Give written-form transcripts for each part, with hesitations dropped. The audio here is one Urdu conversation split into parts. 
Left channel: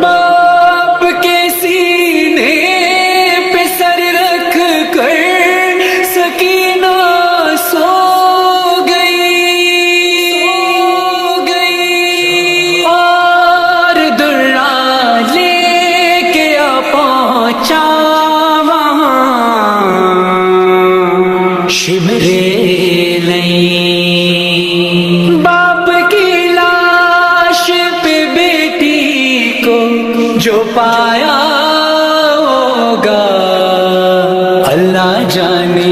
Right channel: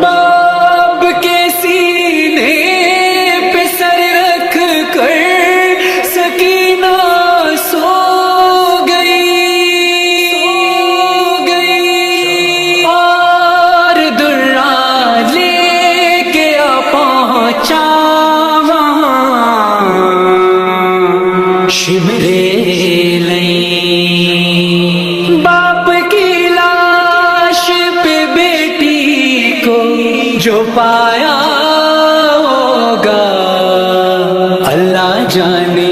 باپ کے سینے پہ سر رکھ کر سکینہ سو گئی اور درا لے کے پہنچا وہاں شمرے نہیں باپ کی لاش پہ بیٹی کو جو پایا ہوگا اللہ جانے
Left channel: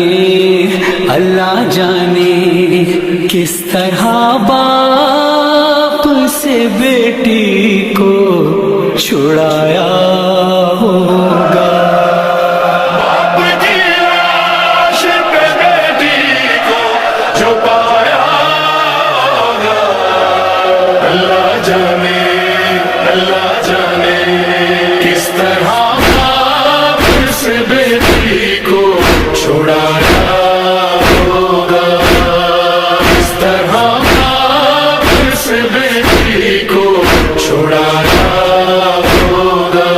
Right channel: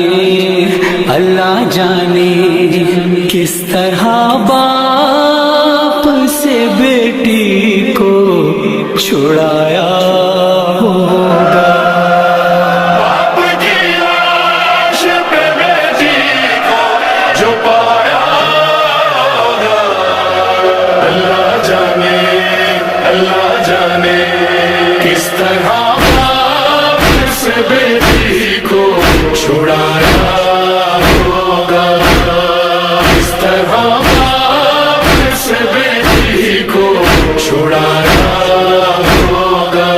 کس طرح باپ سے بیٹی کو چھڑایا ہوگا باپ کی لاش پہ بیٹی کو جو پایا ہوگا اللہ جانے کس طرح باپ سے بیٹی کو چھڑایا ہوگا کس طرح باپ سے بیٹی کو چھڑایا ہوگا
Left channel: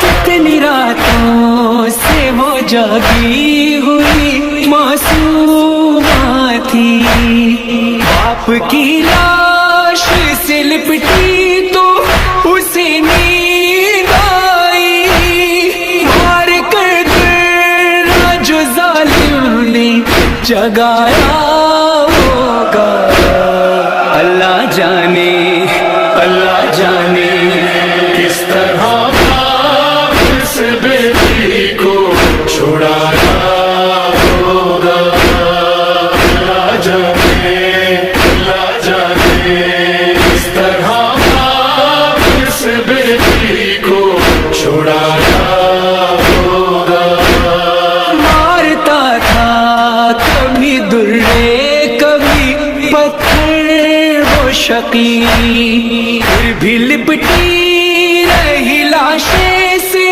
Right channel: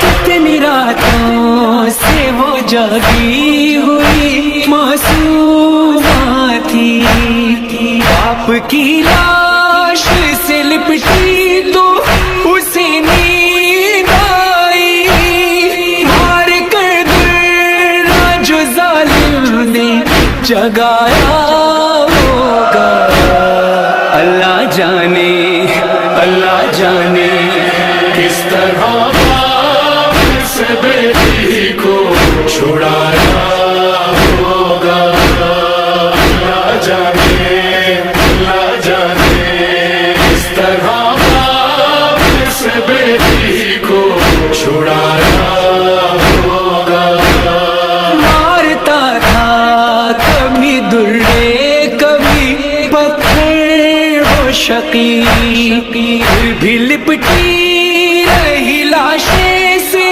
کتنی راتوں سے وہ جاگی ہوئی معصومہ تھی باپ کی لاش سے لپٹی تو اسے نیند آئی مار کر درا جو ظالم نے جگایا ہوگا اللہ جانے کس طرح باپ سے بیٹی کو چھڑایا ہوگا اللہ جانے کس طرح باپ سے بیٹی کو چھڑایا ہوگا مارتا تھا کبھی درے کبھی پتھر وہ شقی پھر بھی لپٹی رہی لاشیں سے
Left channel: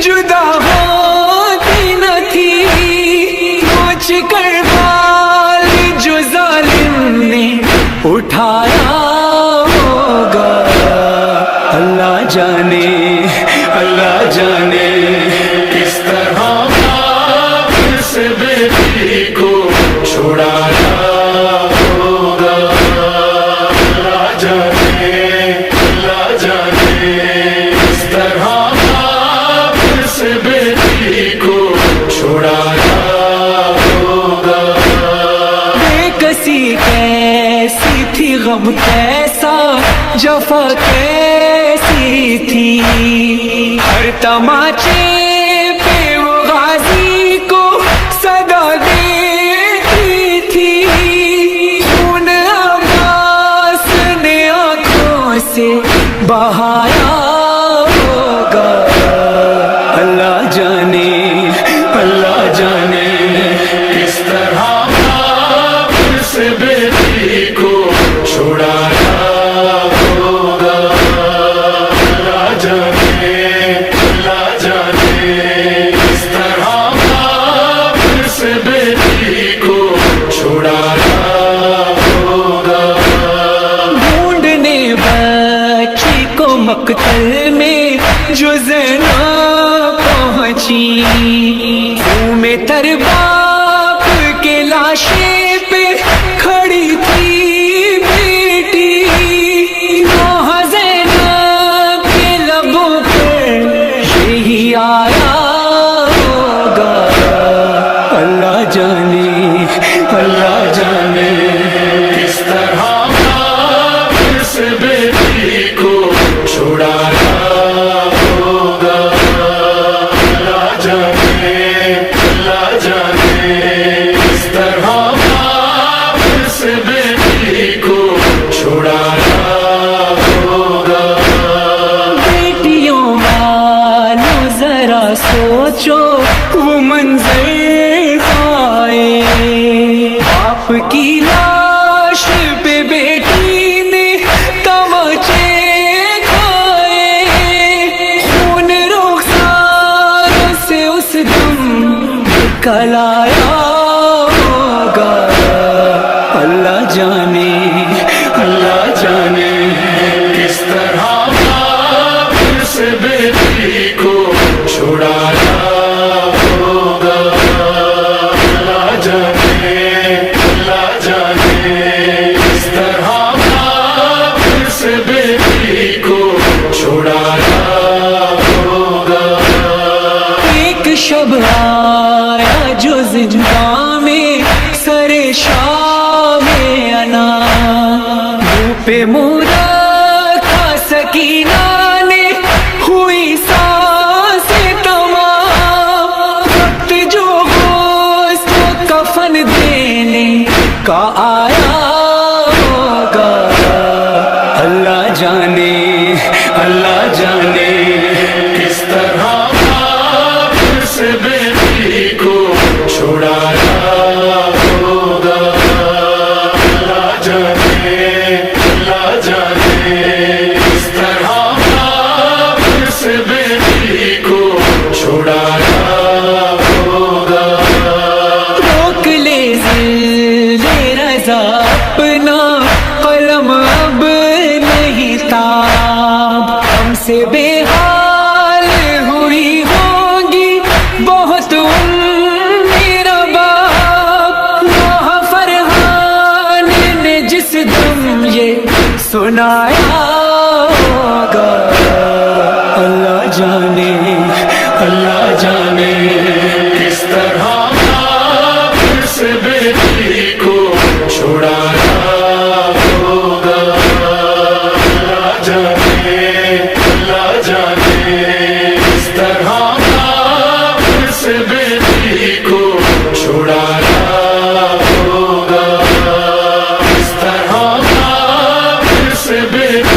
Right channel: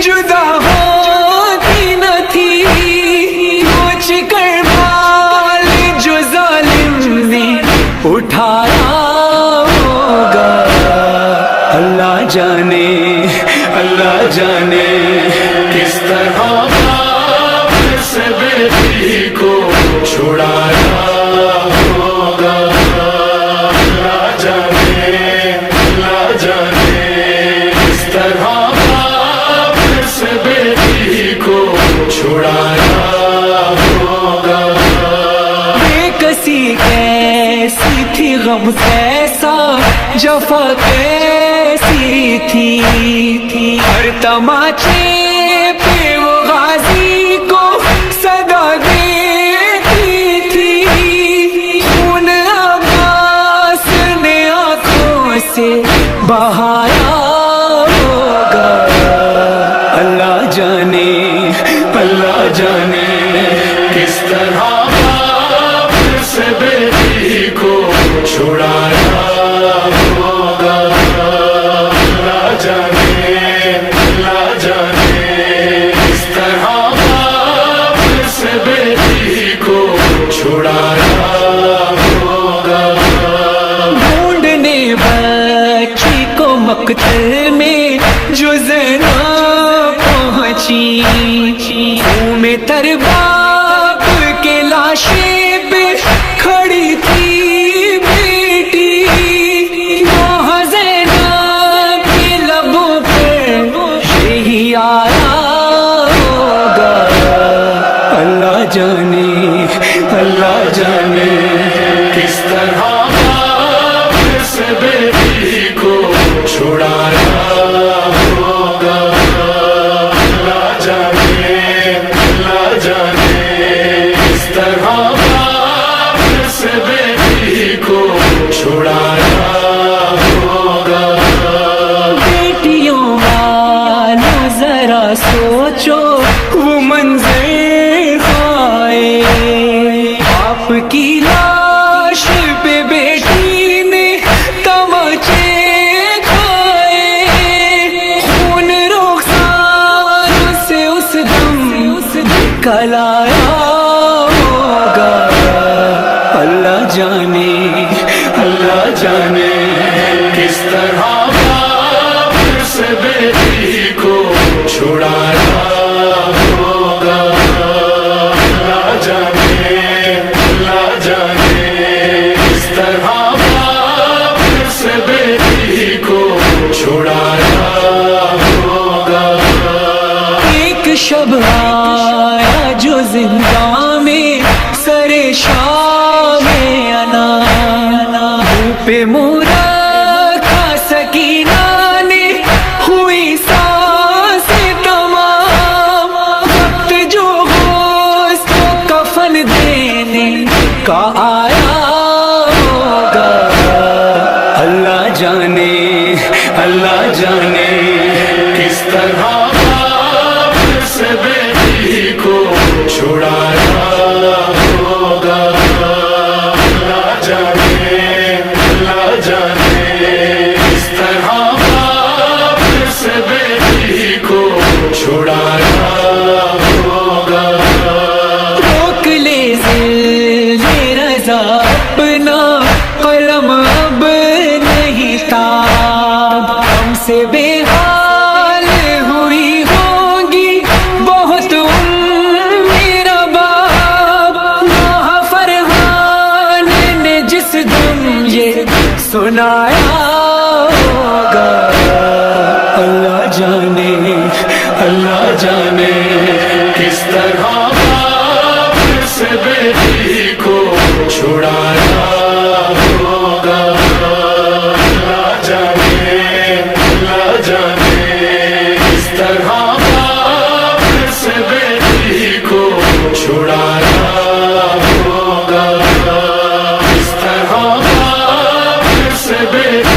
جدا ہوتی نہ تھی نوچ کر بال جو ظالم نے اٹھایا ہوگا اللہ جانے کس طرح باپ سے بیٹی کو چھڑایا ہوگا اللہ جانے کس طرح باپ سے بیٹی کو چھڑایا ہوگا بے کسی کیسی تھی غم کیسا جفا کیسی تھی ہر تماچے پہ وہ غازی کو صدا دیتی تھی خون عباس نے آنکھوں سے بہایا ہوگا اللہ جانے کس طرح باپ سے بیٹی کو چھڑایا ہوگا اللہ جانے کس طرح باپ سے بیٹی کو چھڑایا ہوگا ڈھونڈنے بچی کو مقتل میں جو زینب پہنچی خون میں تر باپ کے لاشیں پہ کھڑی تھی بیٹی وہ زینب کے لبوں پر یہی آیا ہوگا اللہ جانے کس طرح باپ سے بیٹی کو چھڑایا ہوگا اللہ جانے کس طرح باپ سے بیٹی کو چھڑایا ہوگا بیٹیوں والوں ذرا سوچو وہ منظر آئے باپ کی لاش پہ بیٹی نے تماچے کھائے خون رخسار نکلایا ہوگا. اللہ جانے اللہ جانے کس طرح باپ سے بیٹی کو چھڑایا ہوگا. اللہ جانے کس طرح باپ سے بیٹی کو چھڑایا ہوگا. ایک شب آیا جو زندہ میں سر شام انا منہ پہ منہ رکھا سکینہ نے ہوئی سانس تمام. وقت جو غسل و کفن دینے کا آیا ہوگا. اللہ جانے کس طرح باپ سے بیٹی کو چھڑایا ہوگا. اللہ جانے کس طرح باپ سے بیٹی کو چھڑایا ہوگا. روک لے ذل رضا اپنا قلم اب نہیں تاب. ہم سے بے حال ہوئی ہوں گی بہت میرا باپ. نوح فرحان نے جس دم یہ سنایا ہوگا. اللہ جانے کس طرح باپ سے بیٹی کو چھڑایا ہوگا. اللہ جانے کس طرح باپ سے بیٹی کو چھڑایا ہوگا. کس طرح باپ سے بیٹی